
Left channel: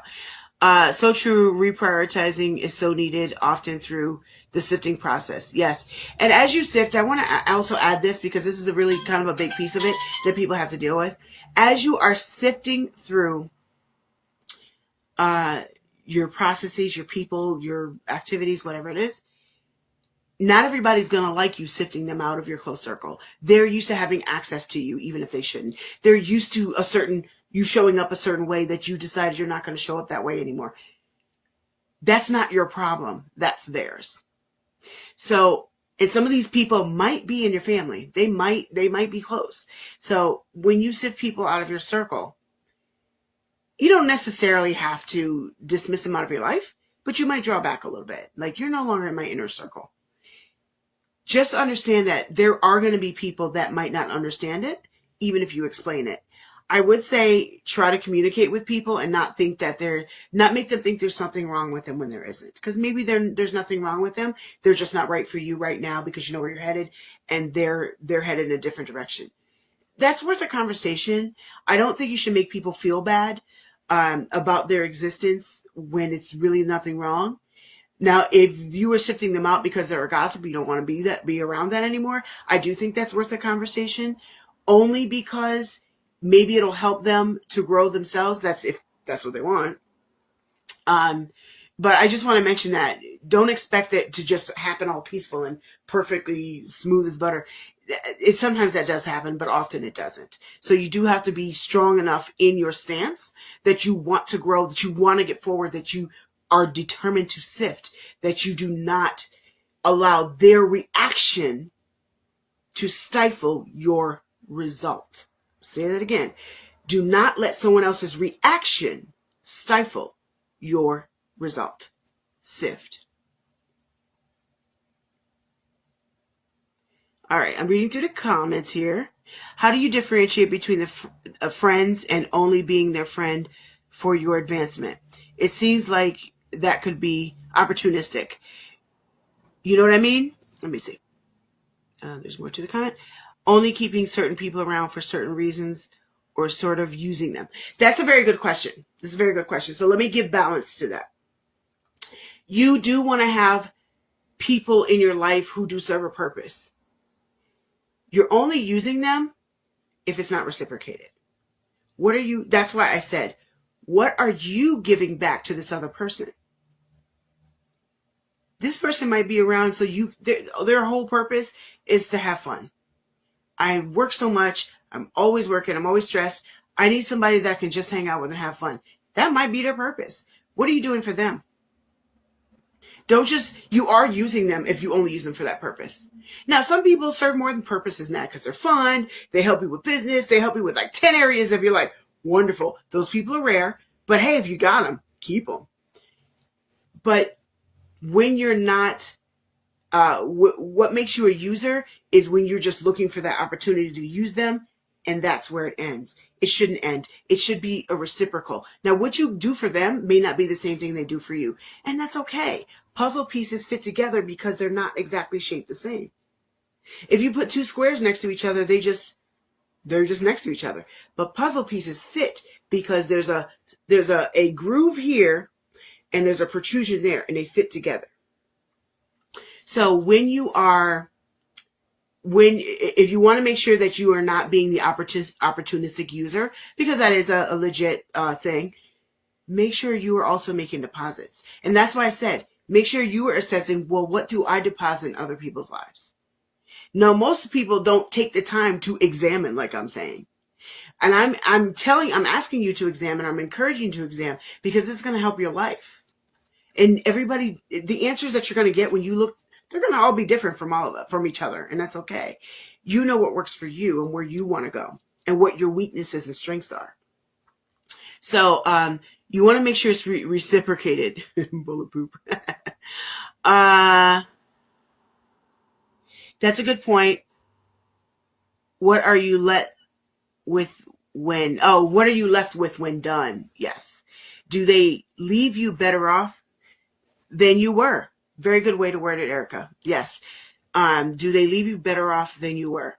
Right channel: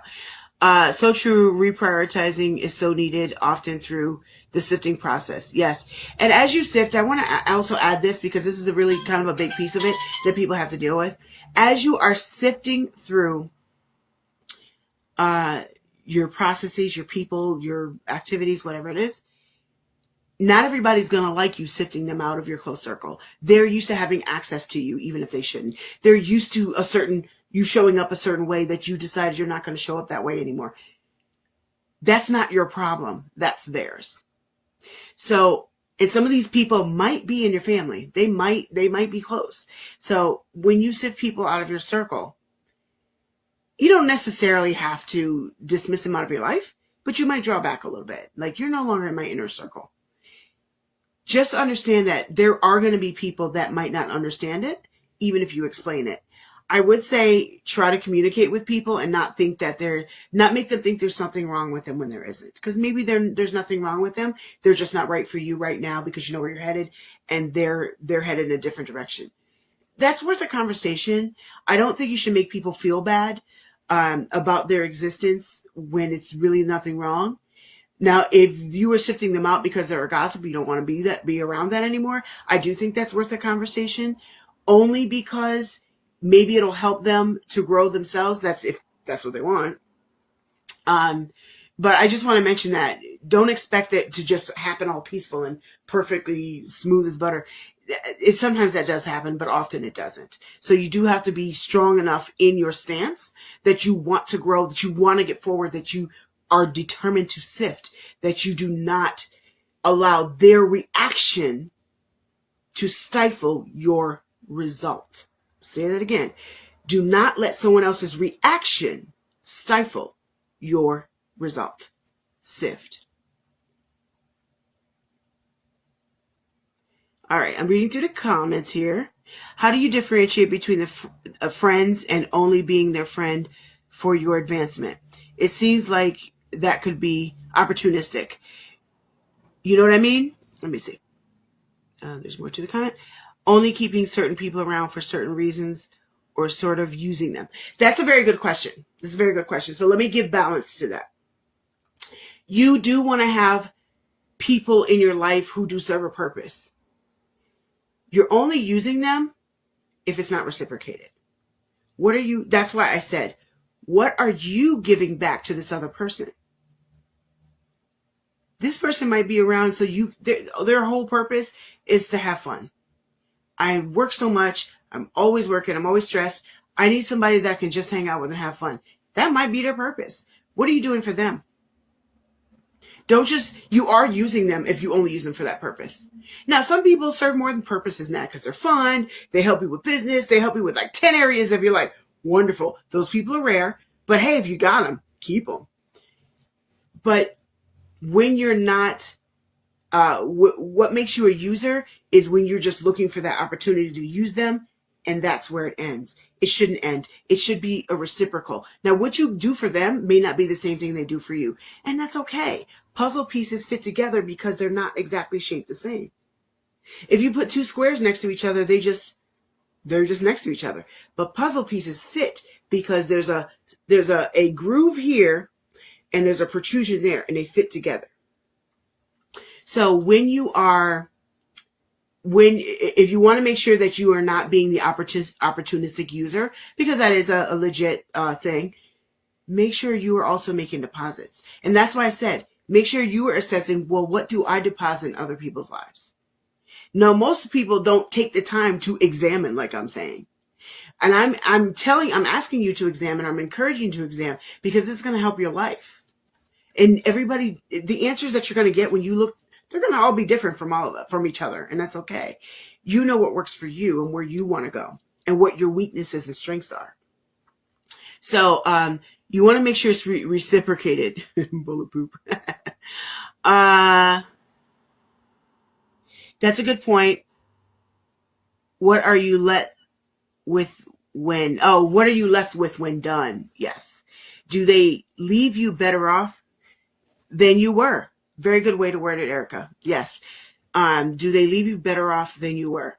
So true. Reprioritizing is so needed often through the sifting process. Yes. And as you sift, I want to also add this because this is a really kind of a big piece of it that people have to deal with. As you are sifting through your processes, your people, your activities, whatever it is, not everybody's going to like you sifting them out of your close circle. They're used to having access to you, even if they shouldn't. They're used to you showing up a certain way that you decided you're not going to show up that way anymore. That's not your problem. That's theirs. So, and some of these people might be in your family. They might be close. So when you sift people out of your circle, you don't necessarily have to dismiss them out of your life, but you might draw back a little bit. Like, you're no longer in my inner circle. Just understand that there are going to be people that might not understand it, even if you explain it. I would say try to communicate with people and not make them think there's something wrong with them when there isn't. Because maybe there's nothing wrong with them. They're just not right for you right now because you know where you're headed, and they're headed in a different direction. That's worth a conversation. I don't think you should make people feel bad about their existence when it's really nothing wrong. Now, if you were sifting them out because they're a gossip, you don't want to be around that anymore, I do think that's worth a conversation, only because maybe it'll help them to grow themselves. If that's what they want. But I just want to mention that don't expect it to just happen all peaceful and perfectly smooth as butter. Sometimes that does happen, but often it doesn't. So you do have to be strong enough in your stance that you want to grow, that you want to get forward, that you are determined to sift, that you do not allow their reaction to stifle your result. Say that again. Do not let someone else's reaction stifle your result. Sift. All right, I'm reading through the comments here. How do you differentiate between friends and only being their friend for your advancement? It seems like that could be opportunistic. You know what I mean? Let me see. There's more to the comment. Only keeping certain people around for certain reasons or sort of using them. That's a very good question. This is a very good question. So let me give balance to that. You do want to have people in your life who do serve a purpose. You're only using them if it's not reciprocated. That's why I said, what are you giving back to this other person? This person might be around so their whole purpose is to have fun. I work so much. I'm always working. I'm always stressed. I need somebody that I can just hang out with and have fun. That might be their purpose. What are you doing for them? You are using them if you only use them for that purpose. Now, some people serve more than purposes now because they're fun. They help you with business. They help you with like 10 areas of your life. Wonderful. Those people are rare. But hey, if you got them, keep them. But when you're not, what makes you a user is when you're just looking for that opportunity to use them, and that's where it ends. It shouldn't end. It should be a reciprocal. Now, what you do for them may not be the same thing they do for you, and that's okay. Puzzle pieces fit together because they're not exactly shaped the same. If you put two squares next to each other, they're just next to each other. But puzzle pieces fit because there's a groove here and there's a protrusion there, and they fit together. So if you want to make sure that you are not being the opportunistic user, because that is a legit thing, make sure you are also making deposits. And that's why I said, make sure you are assessing, well, what do I deposit in other people's lives? Now, most people don't take the time to examine, like I'm saying. And I'm asking you to examine, I'm encouraging you to examine, because it's going to help your life. And everybody, the answers that you're going to get when you look, they're going to all be different from each other, and that's okay. You know what works for you and where you want to go and what your weaknesses and strengths are. So you want to make sure it's reciprocated. Bullet poop. That's a good point. What are you left with when done? Yes. Do they leave you better off than you were? Very good way to word it, Erica. Yes. Do they leave you better off than you were?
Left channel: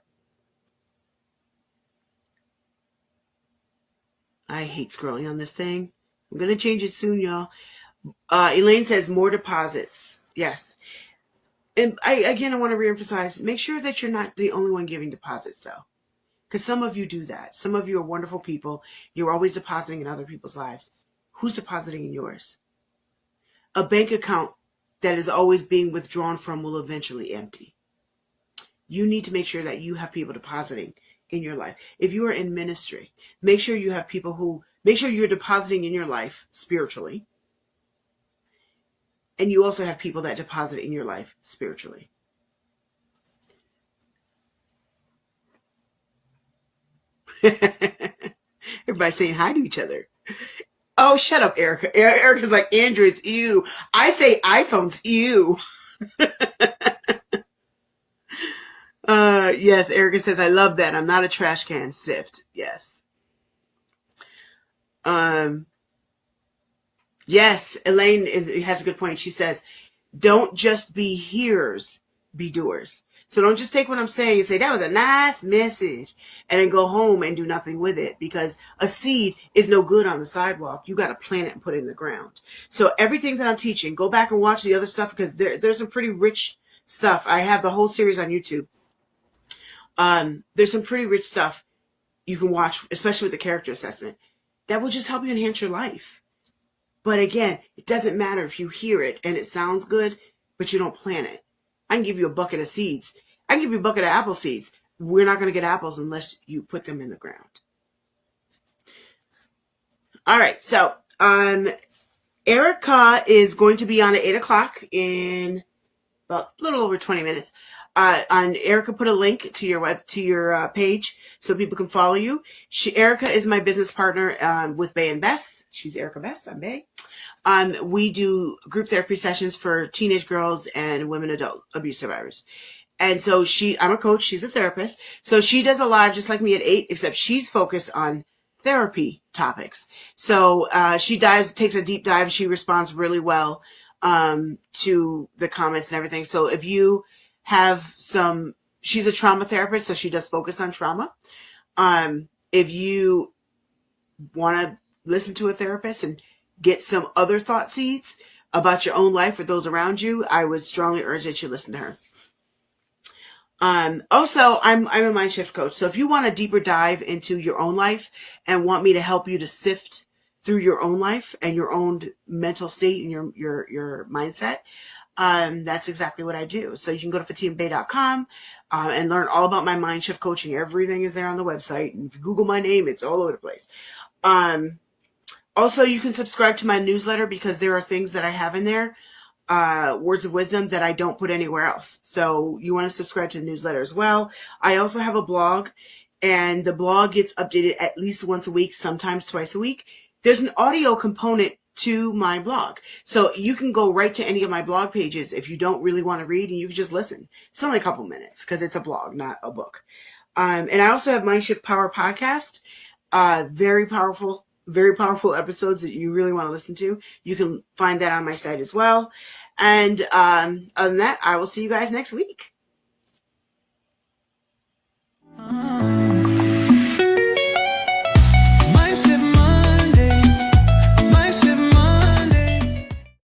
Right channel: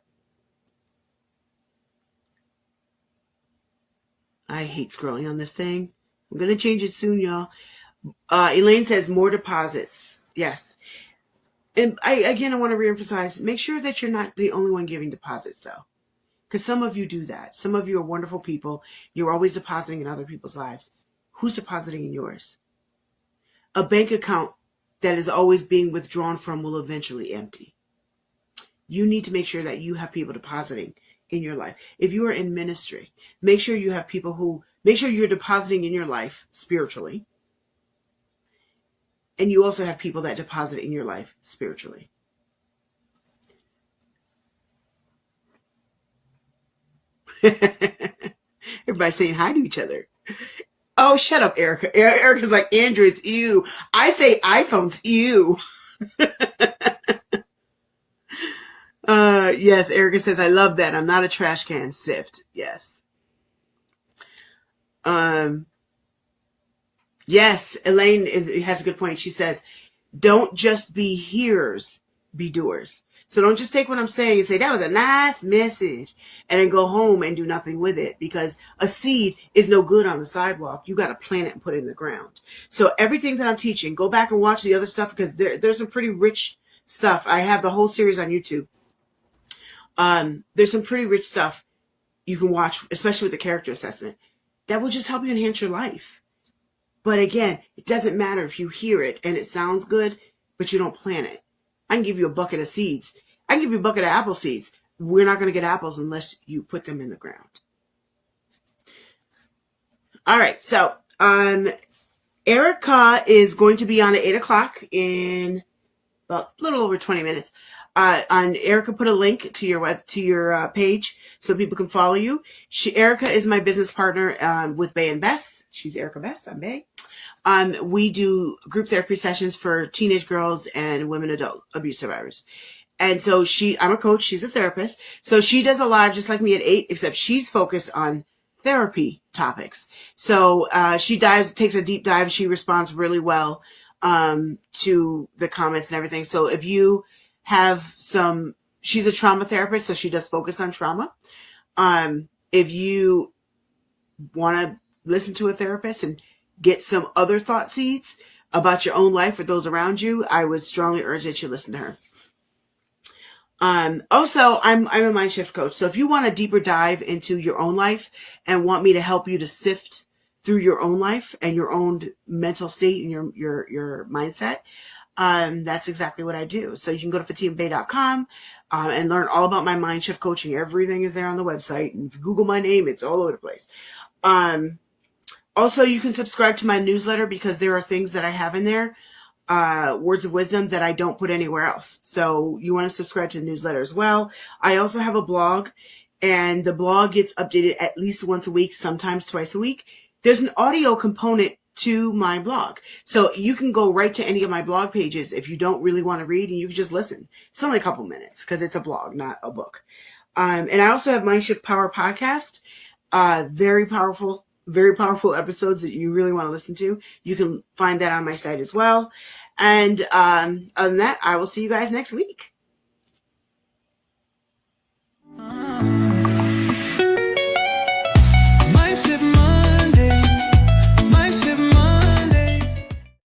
I hate scrolling on this thing. I'm going to change it soon, y'all. Elaine says more deposits. Yes. And I want to reemphasize, make sure that you're not the only one giving deposits, though. Because some of you do that. Some of you are wonderful people. You're always depositing in other people's lives. Who's depositing in yours? A bank account that is always being withdrawn from will eventually empty. You need to make sure that you have people depositing in your life. If you are in ministry, make sure you have people make sure you're depositing in your life spiritually. And you also have people that deposit in your life spiritually. Everybody's saying hi to each other. Oh, shut up, Erica. Erica's like, Androids, ew. I say iPhones, ew. Yes, Erica says, I love that. I'm not a trash can. Sift. Yes. Yes, Elaine has a good point. She says, don't just be hearers, be doers. So don't just take what I'm saying and say, that was a nice message, and then go home and do nothing with it, because a seed is no good on the sidewalk. You got to plant it and put it in the ground. So everything that I'm teaching, go back and watch the other stuff, because there's some pretty rich stuff. I have the whole series on YouTube. There's some pretty rich stuff you can watch, especially with the character assessment, that will just help you enhance your life. But again, it doesn't matter if you hear it and it sounds good, but you don't plant it. I can give you a bucket of seeds. I can give you a bucket of apple seeds. We're not going to get apples unless you put them in the ground. All right. So, Erica is going to be on at 8 o'clock in about a little over 20 minutes. And Erica put a link to your page so people can follow you. Erica is my business partner with Bey and Bess. She's Erica Bess. I'm Bey. We do group therapy sessions for teenage girls and women adult abuse survivors. And so I'm a coach. She's a therapist. So she does a live just like me at 8, except she's focused on therapy topics. So she takes a deep dive. She responds really well to the comments and everything. So if you have she's a trauma therapist, so she does focus on trauma. If you want to listen to a therapist and get some other thought seeds about your own life or those around you, I would strongly urge that you listen to her. Also, I'm a MindShift coach. So if you want a deeper dive into your own life and want me to help you to sift through your own life and your own mental state and your mindset, that's exactly what I do. So you can go to fatimabey.com and learn all about my MindShift coaching. Everything is there on the website. And if you Google my name, it's all over the place. Also, you can subscribe to my newsletter, because there are things that I have in there, words of wisdom, that I don't put anywhere else. So you want to subscribe to the newsletter as well. I also have a blog, and the blog gets updated at least once a week, sometimes twice a week. There's an audio component to my blog. So you can go right to any of my blog pages if you don't really want to read, and you can just listen. It's only a couple minutes because it's a blog, not a book. And I also have MindShift Power Podcast. Very powerful episodes that you really want to listen to. You can find that on my site as well. And other than that, I will see you guys next week.